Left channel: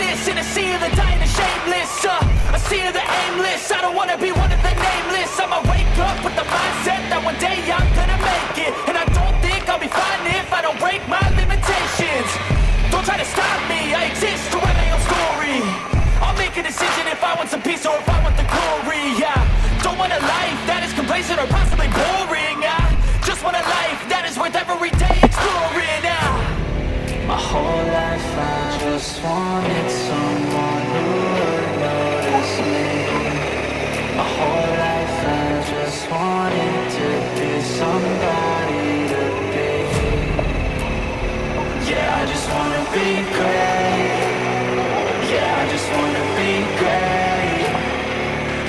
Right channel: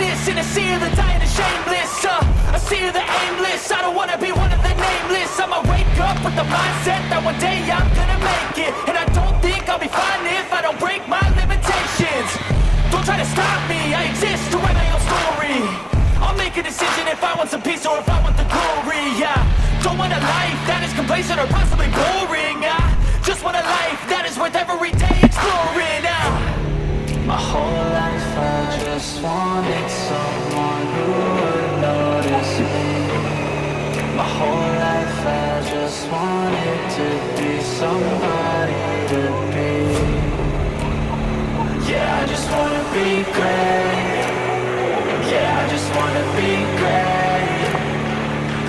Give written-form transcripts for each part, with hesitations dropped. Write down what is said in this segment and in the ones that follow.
this in a sea of the dying and shameless, a sea of the aimless. I don't wanna be one of the nameless. I'ma wake up with the mindset that one day I'm gonna make it, and I don't think I'll be fine if I don't break my limitations. Don't try to stop me, I exist to write my own story. I'll make a decision if I want some peace or if I want the glory. Yeah, don't want a life that is complacent or possibly boring. I just want a life that is worth every day exploring. My whole life I just wanted someone who would notice me. My whole life I just wanted to be somebody to be. Yeah, I just wanna be great. Yeah, I just wanna be great.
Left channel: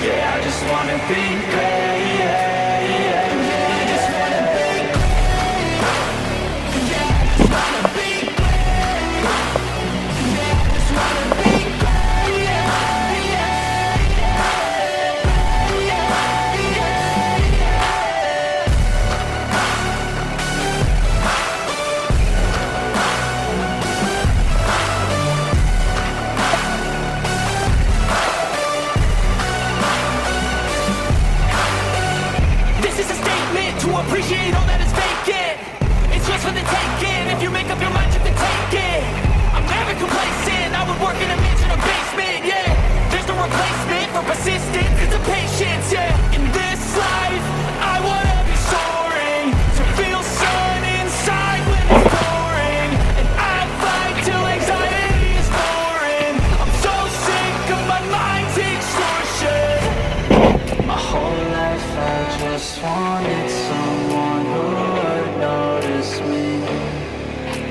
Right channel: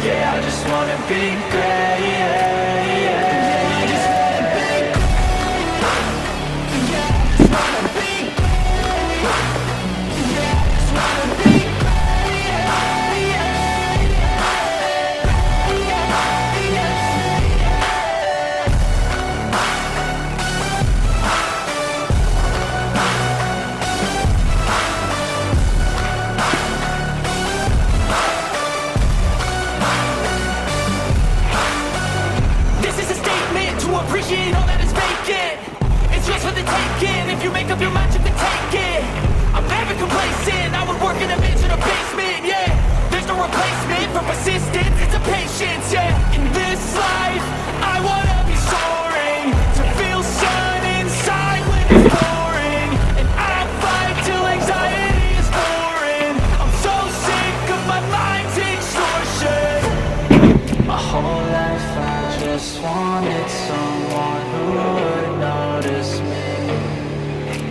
Yeah, I just wanna be great. Yeah, yeah, yeah, I just wanna be great. Yeah, I just wanna be great. Yeah, I just wanna be great. Yeah, yeah, yeah, yeah, This is a statement to appreciate all that is vacant. It's just for the taking. If you make up your mind, you can take it. I'm never complacent. I would work in a mansion or basement. Yeah, there's no replacement for persistence. It's a patience. Yeah, in this life, I wanna be soaring, to feel sun inside when it's pouring, and I'll fight till anxiety is foreign. I'm so sick of my mind's extortion. My whole life I just wanted someone who would notice me.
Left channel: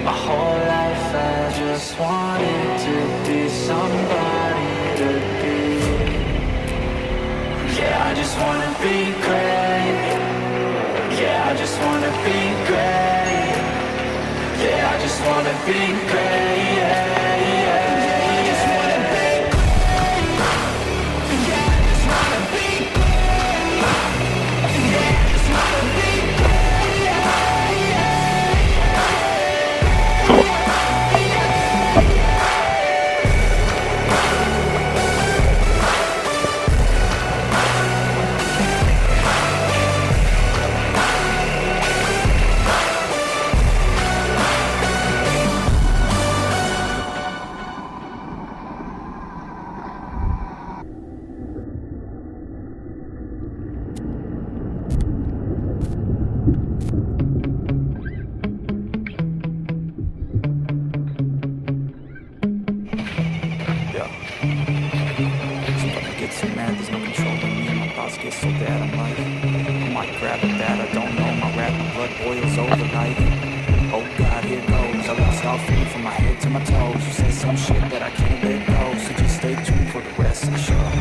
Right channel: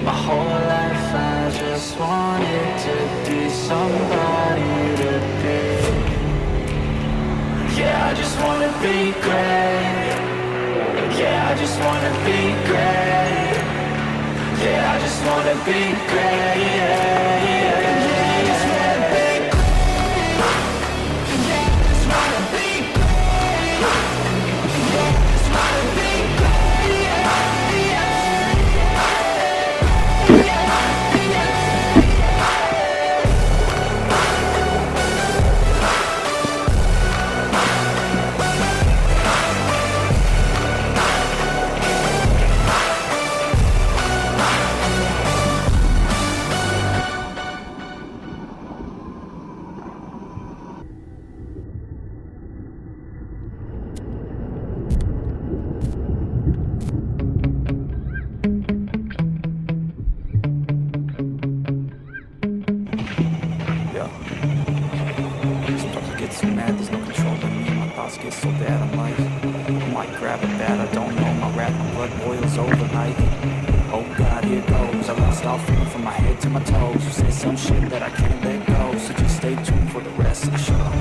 My whole life I just wanted to be somebody to be. Yeah, I just wanna be great. Yeah, I just wanna be great. Yeah, I just wanna be great. Yeah, yeah, yeah, I just wanna be great. Yeah, I just wanna be great. Yeah, I just wanna be great. Yeah, Get so bad, I'm like, I might grab a bat, I don't know, my rap, my blood boils over like, oh God, here goes. I lost all feeling from my head to my toes. You say some shit that I can't let go, so just stay tuned for the rest of the show.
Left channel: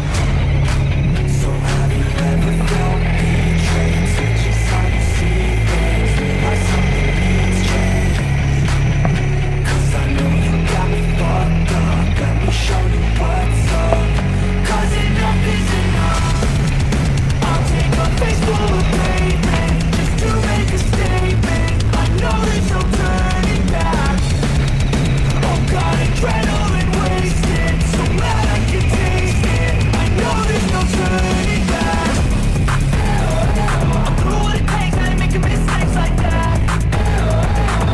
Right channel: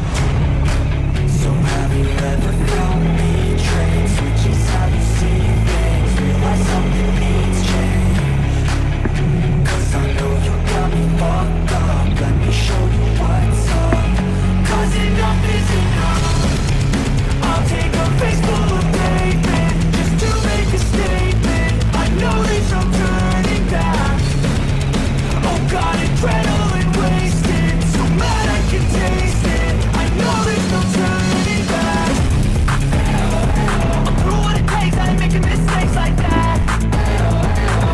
So have you ever felt betrayed? Which is how you see things, like something needs change. Cause I know you got me fucked up, let me show you what's up. Cause enough is enough. I'll take a face full of pavement just to make a statement. I know there's no turning back. Oh God, adrenaline wasted, so mad I can taste it. I know there's no turning back. I'll do what it takes, I ain't making mistakes like that.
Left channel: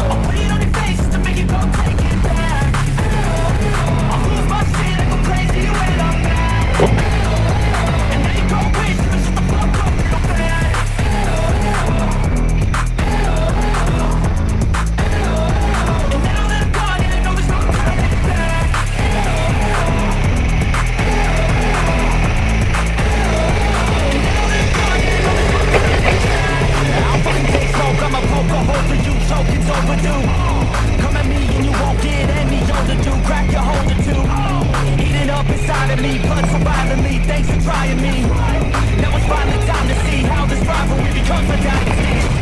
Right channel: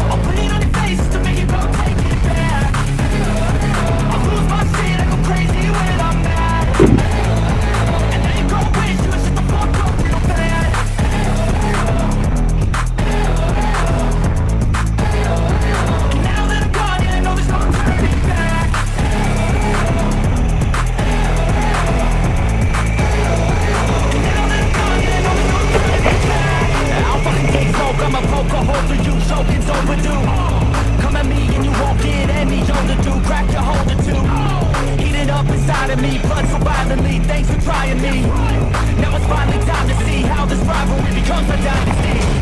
I'll put it on your face to make you go take it back. I'll lose my shit, I go crazy when I'm mad. And now you go wish you was just a fuck up real bad. And now that I'm gone, yeah, I know there's no turning back. And now that I'm gone, yeah, I know there's no turning back. I'll fucking take smoke, I'ma poke a hole for you, choking's overdue. Come at me and you won't get any older, dude. Crack your holder too. Eating up inside of me, blood so violently. Thanks for trying me. Now it's finally time to see how this rivalry becomes a dynasty.